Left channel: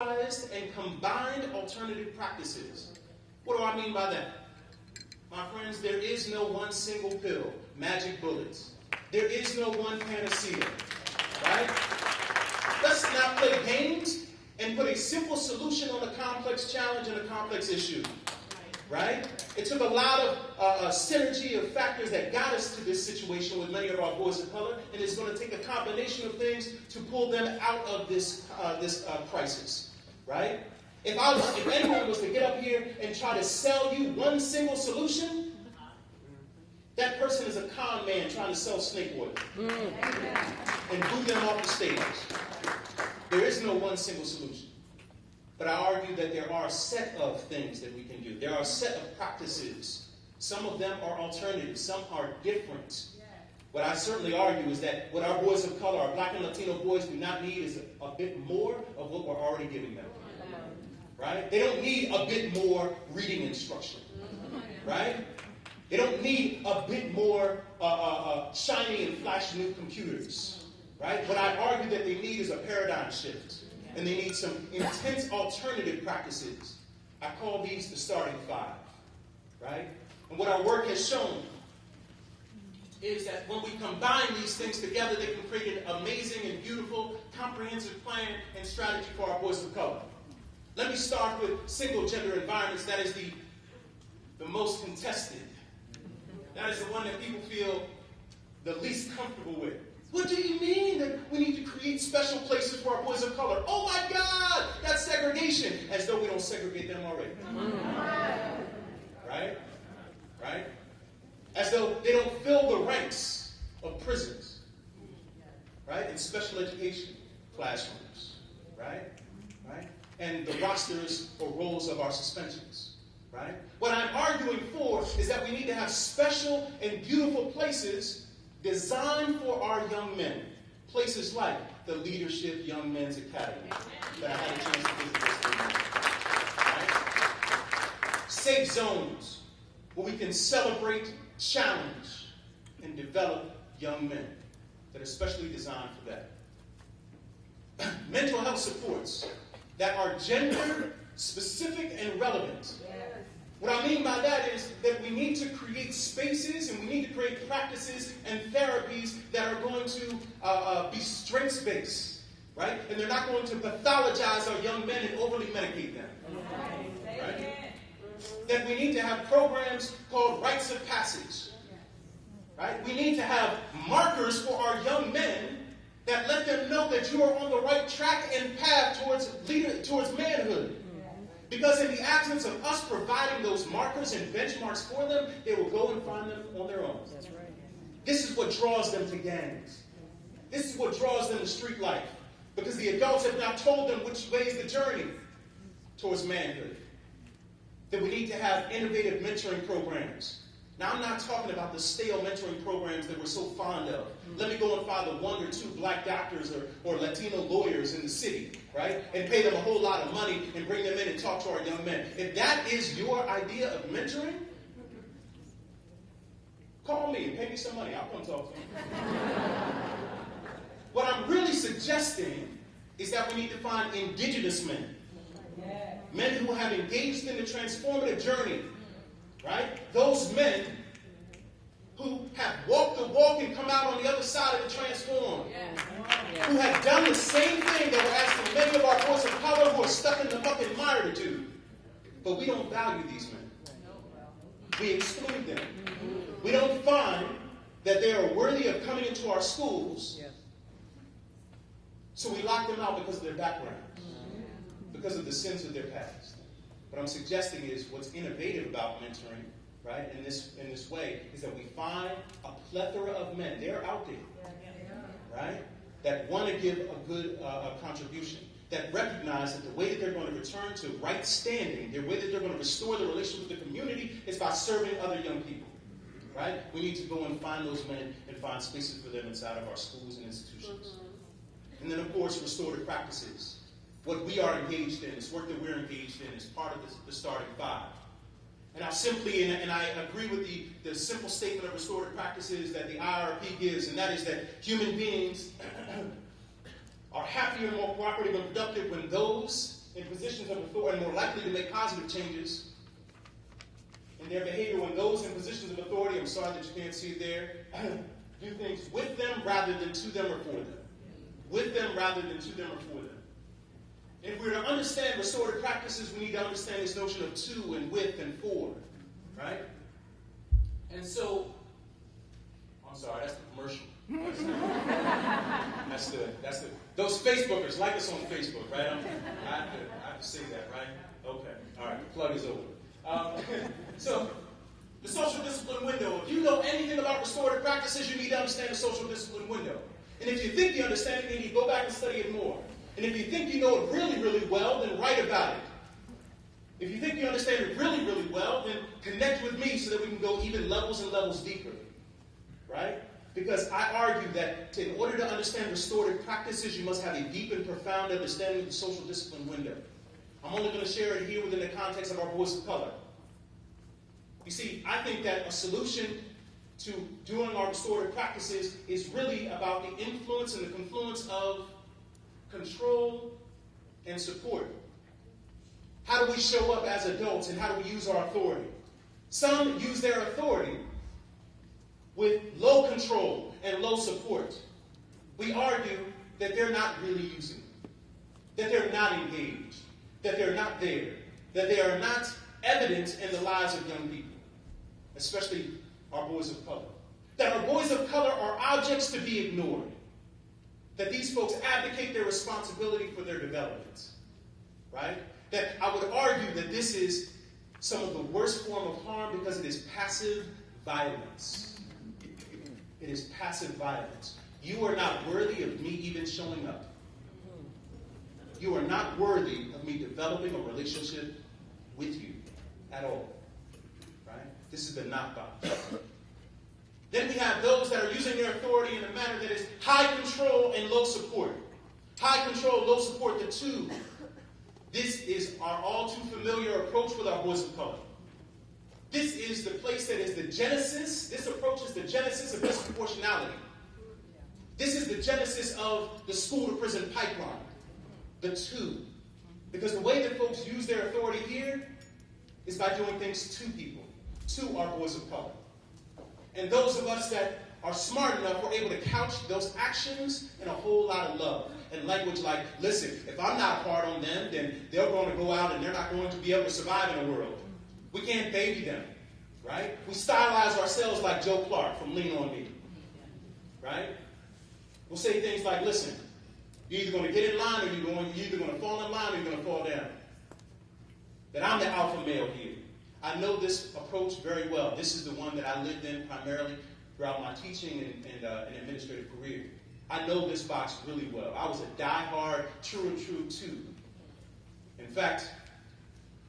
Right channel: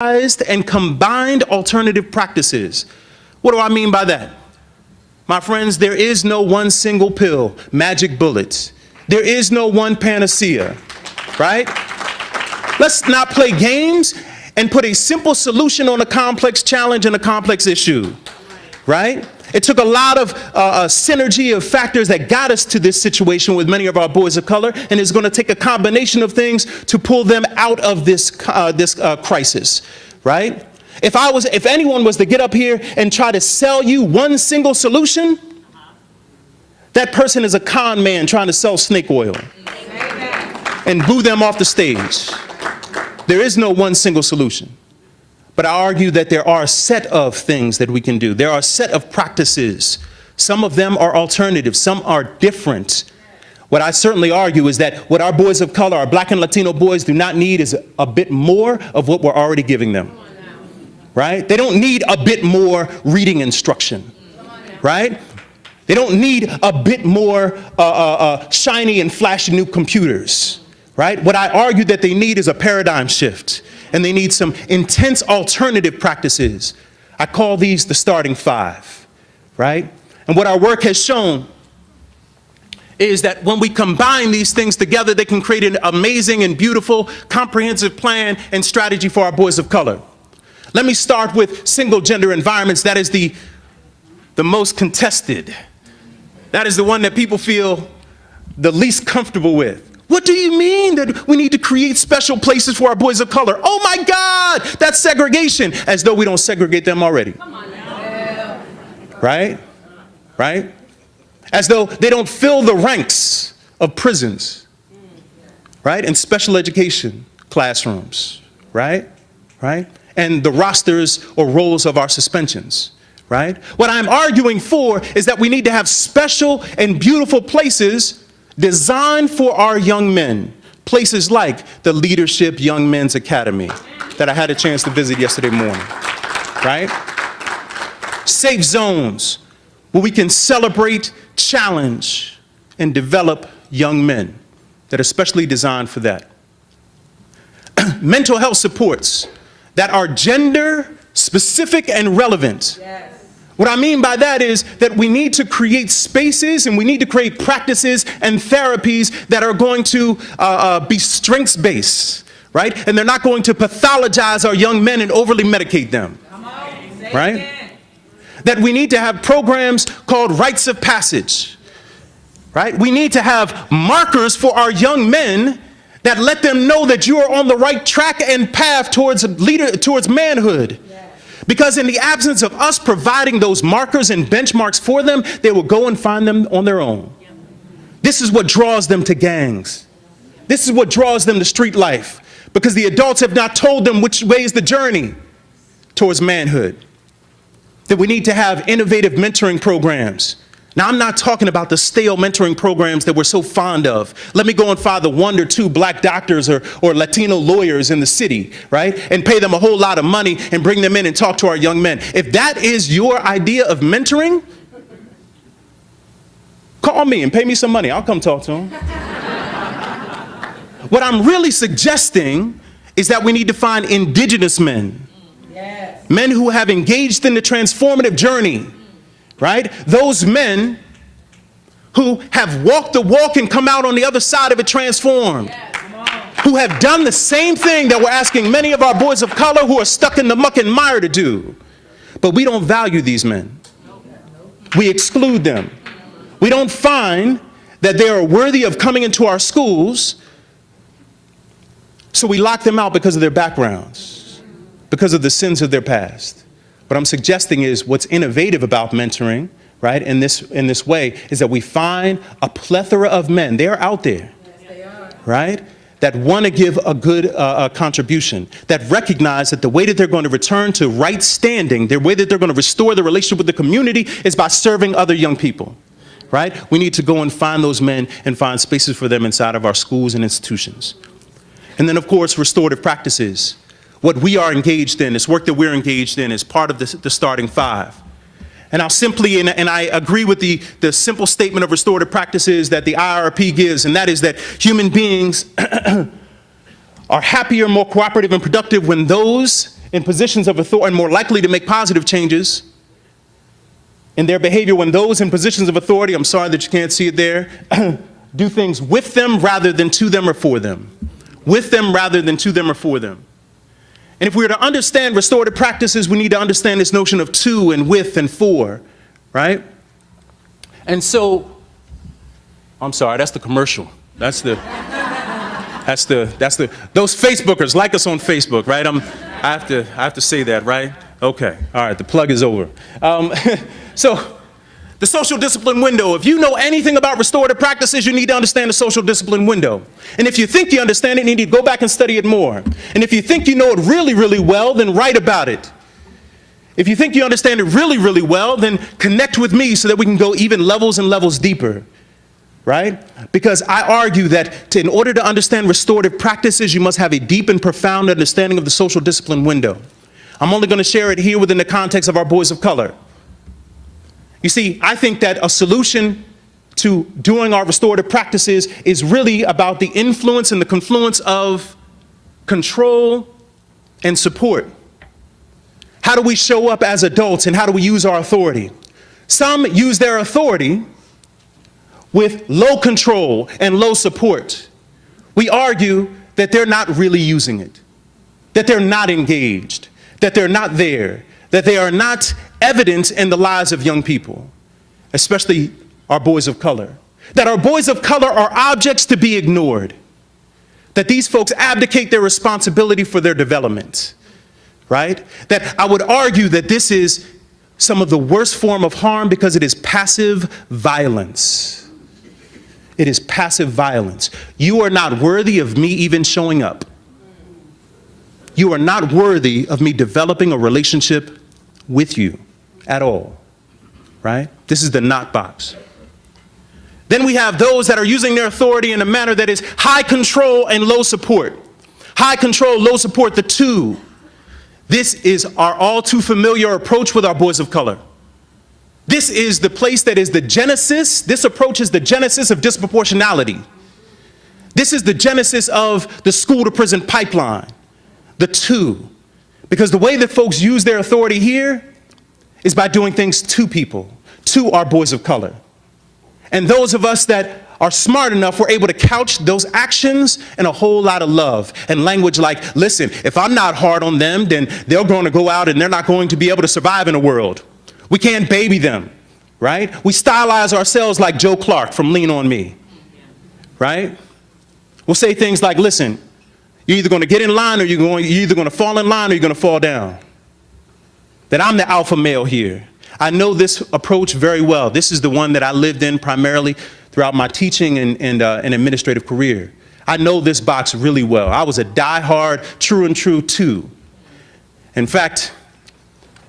and combined alternative practices. What do I mean by that? My friends, there is no one single pill, magic bullets. There is no one panacea, right? Let's not play games and put a simple solution on a complex challenge and a complex issue, right? It took a lot of synergy of factors that got us to this situation with many of our boys of color, and it's going to take a combination of things to pull them out of this crisis, right? If anyone was to get up here and try to sell you one single solution, that person is a con man trying to sell snake oil and boo them off the stage. There is no one single solution. But I argue that there are a set of things that we can do. There are a set of practices. Some of them are alternatives. Some are different. What I certainly argue is that what our boys of color, our Black and Latino boys do not need is a bit more of what we're already giving them. Right? They don't need a bit more reading instruction. Right? They don't need a bit more shiny and flashy new computers. Right? What I argue that they need is a paradigm shift. And they need some intense alternative practices. I call these the starting five, right? And what our work has shown is that when we combine these things together, they can create an amazing and beautiful comprehensive plan and strategy for our boys of color. Let me start with single gender environments. That is the most contested. That is the one that people feel the least comfortable with. What do you mean that we need to create special places for our boys of color? Oh my God, that's segregation, as though we don't segregate them already. Come on now. Right? Right? As though they don't fill the ranks of prisons, right? And special education classrooms, right? Right? And the rosters or roles of our suspensions, right? What I'm arguing for is that we need to have special and beautiful places designed for our young men, places like the Leadership Young Men's Academy that I had a chance to visit yesterday morning, right? Safe zones where we can celebrate, challenge, and develop young men that are specially designed for that. Mental health supports that are gender specific and relevant. Yes. What I mean by that is that we need to create spaces and we need to create practices and therapies that are going to be strengths-based, right? And they're not going to pathologize our young men and overly medicate them, right? That we need to have programs called rites of passage, right? We need to have markers for our young men that let them know that you are on the right track and path towards manhood. Because in the absence of us providing those markers and benchmarks for them, they will go and find them on their own. This is what draws them to gangs. This is what draws them to street life, because the adults have not told them which way is the journey towards manhood. That we need to have innovative mentoring programs. Now, I'm not talking about the stale mentoring programs that we're so fond of. Let me go and find the 1 or 2 Black doctors or Latino lawyers in the city, right? And pay them a whole lot of money and bring them in and talk to our young men. If that is your idea of mentoring, call me and pay me some money. I'll come talk to them. What I'm really suggesting is that we need to find indigenous men. Yes. Men who have engaged in the transformative journey. Right? Those men who have walked the walk and come out on the other side of it transformed. Who have done the same thing that we're asking many of our boys of color who are stuck in the muck and mire to do. But we don't value these men. We exclude them. We don't find that they are worthy of coming into our schools, so we lock them out because of their backgrounds, because of the sins of their past. What I'm suggesting is what's innovative about mentoring, right, in this way, is that we find a plethora of men, they're out there, yes, they are, right, that want to give a good contribution, that recognize that the way that they're going to return to right standing, the way that they're going to restore the relationship with the community is by serving other young people, right? We need to go and find those men and find spaces for them inside of our schools and institutions. And then, of course, restorative practices. What we are engaged in, this work that we're engaged in, is part of the starting five. And I'll simply, and I agree with the simple statement of restorative practices that the IRP gives, and that is that human beings are happier, more cooperative, and productive when those in positions of authority and more likely to make positive changes in their behavior when those in positions of authority, I'm sorry that you can't see it there, do things with them rather than to them or for them. With them rather than to them or for them. And if we were to understand restorative practices, we need to understand this notion of to and with and for, right? And so, I'm sorry, that's the commercial. That's the, those Facebookers, like us on Facebook, right? I have to say that, right? Okay, all right, the plug is over. So, the social discipline window. If you know anything about restorative practices, you need to understand the social discipline window. And if you think you understand it, you need to go back and study it more. And if you think you know it really, really well, then write about it. If you think you understand it really, really well, then connect with me so that we can go even levels and levels deeper, right? Because I argue that in order to understand restorative practices, you must have a deep and profound understanding of the social discipline window. I'm only going to share it here within the context of our boys of color. You see, I think that a solution to doing our restorative practices is really about the influence and the confluence of control and support. How do we show up as adults and how do we use our authority? Some use their authority with low control and low support. We argue that they're not really using it, that they're not engaged, that they're not there, that they are not evident in the lives of young people, especially our boys of color. That our boys of color are objects to be ignored. That these folks abdicate their responsibility for their development, right? That I would argue that this is some of the worst form of harm because it is passive violence. It is passive violence. You are not worthy of me even showing up. You are not worthy of me developing a relationship with you at all, right? This is the not box. Then we have those that are using their authority in a manner that is high control and low support. High control, low support, the two. This is our all too familiar approach with our boys of color. This is the place that is the genesis. This approach is the genesis of disproportionality. This is the genesis of the school to prison pipeline. The two. Because the way that folks use their authority here is by doing things to people, to our boys of color. And those of us that are smart enough, we're able to couch those actions in a whole lot of love and language like, listen, if I'm not hard on them, then they're going to go out and they're not going to be able to survive in the world. We can't baby them, right? We stylize ourselves like Joe Clark from Lean On Me, right? We'll say things like, listen, you're either going to get in line or you're either going to fall in line or you're going to fall down. That I'm the alpha male here. I know this approach very well. This is the one that I lived in primarily throughout my teaching and administrative career. I know this box really well. I was a diehard, true and true two. In fact,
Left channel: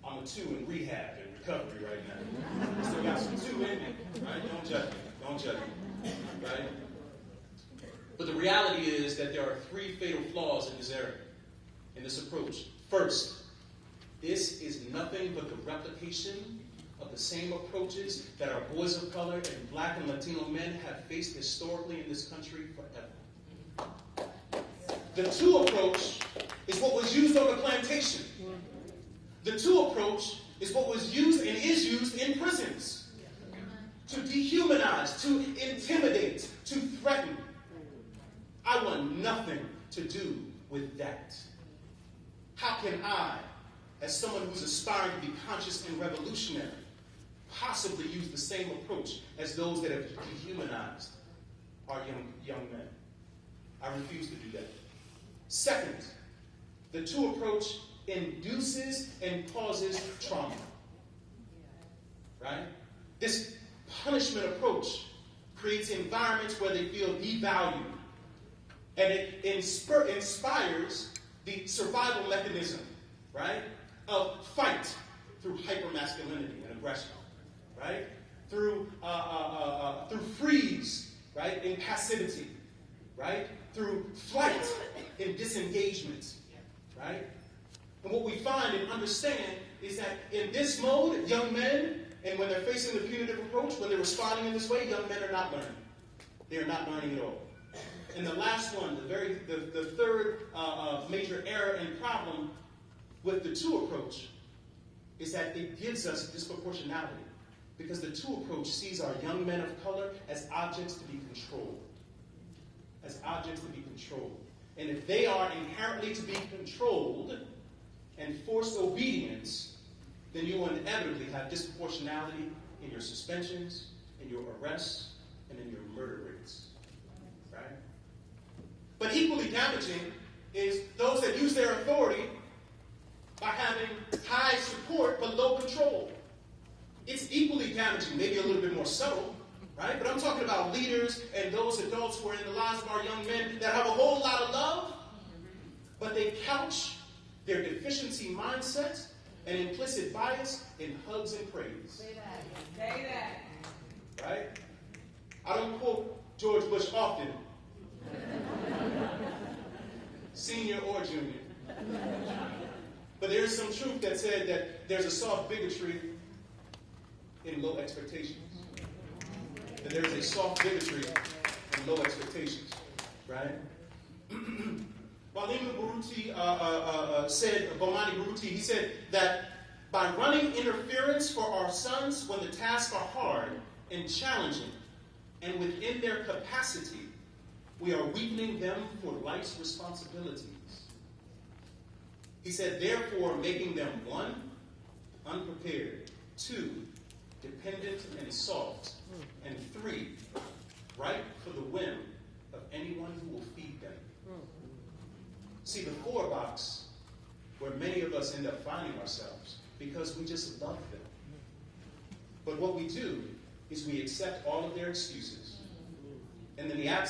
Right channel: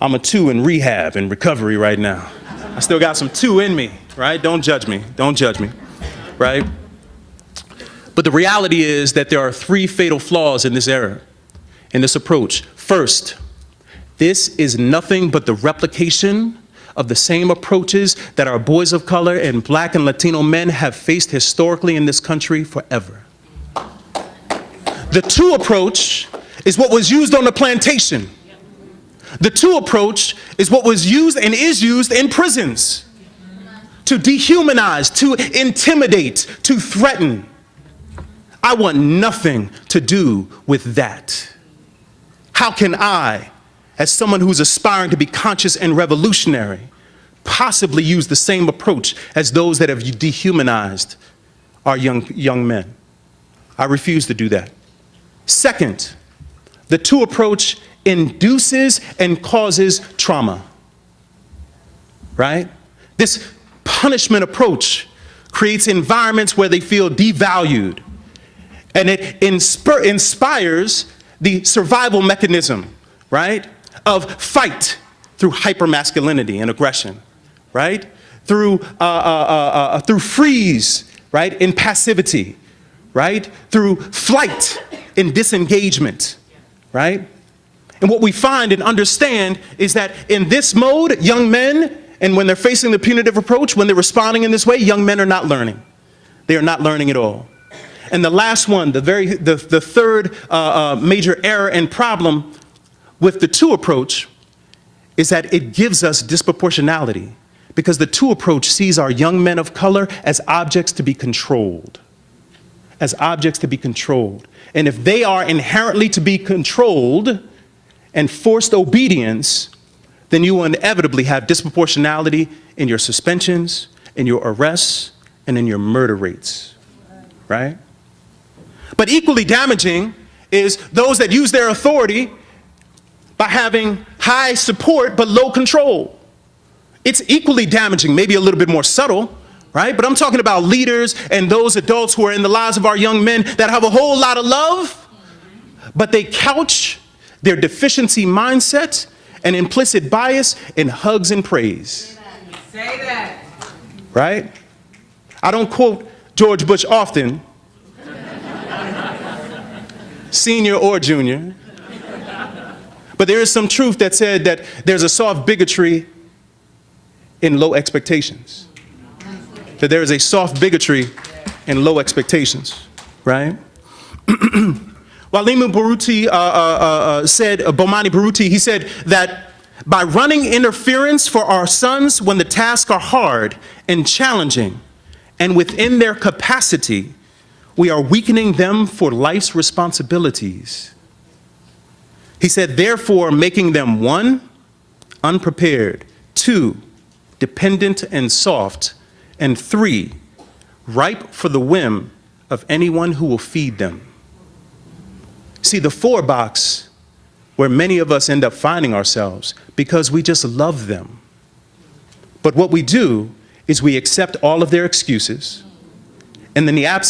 I'm a two in rehab and recovery right now. I still got some two in me, right? Don't judge me, right? But the reality is that there are three fatal flaws in this error, in this approach. First, this is nothing but the replication of the same approaches that our boys of color and Black and Latino men have faced historically in this country forever. The two approach is what was used on the plantation. The two approach is what was used and is used in prisons to dehumanize, to intimidate, to threaten. I want nothing to do with that. How can I, as someone who's aspiring to be conscious and revolutionary, possibly use the same approach as those that have dehumanized our young men? I refuse to do that. Second, the two approach induces and causes trauma, right? This punishment approach creates environments where they feel devalued, and it inspires the survival mechanism, right, of fight through hypermasculinity and aggression, right, through freeze, right, in passivity, right, through flight in disengagement, right? And what we find and understand is that in this mode, young men, and when they're facing the punitive approach, when they're responding in this way, young men are not learning. They are not learning at all. And the last one, the third major error and problem with the two approach is that it gives us disproportionality, because the two approach sees our young men of color as objects to be controlled. As objects to be controlled. And if they are inherently to be controlled and forced obedience, then you will inevitably have disproportionality in your suspensions, in your arrests, and in your murder rates, right? But equally damaging is those that use their authority by having high support but low control. It's equally damaging, maybe a little bit more subtle, right? But I'm talking about leaders and those adults who are in the lives of our young men that have a whole lot of love, but they couch their deficiency mindset and implicit bias in hugs and praise. Say that. Right? I don't quote George Bush often, senior or junior, but there is some truth that said that there's a soft bigotry in low expectations. That there is a soft bigotry in low expectations, right? Walimu Baruti said, Bomani Baruti, he said that by running interference for our sons when the tasks are hard and challenging and within their capacity, we are weakening them for life's responsibilities. He said, therefore, making them 1, unprepared, 2, dependent and soft, and 3, ripe for the whim of anyone who will feed them. See, the 4 box where many of us end up finding ourselves because we just love them. But what we do is we accept all of their excuses, and in the absence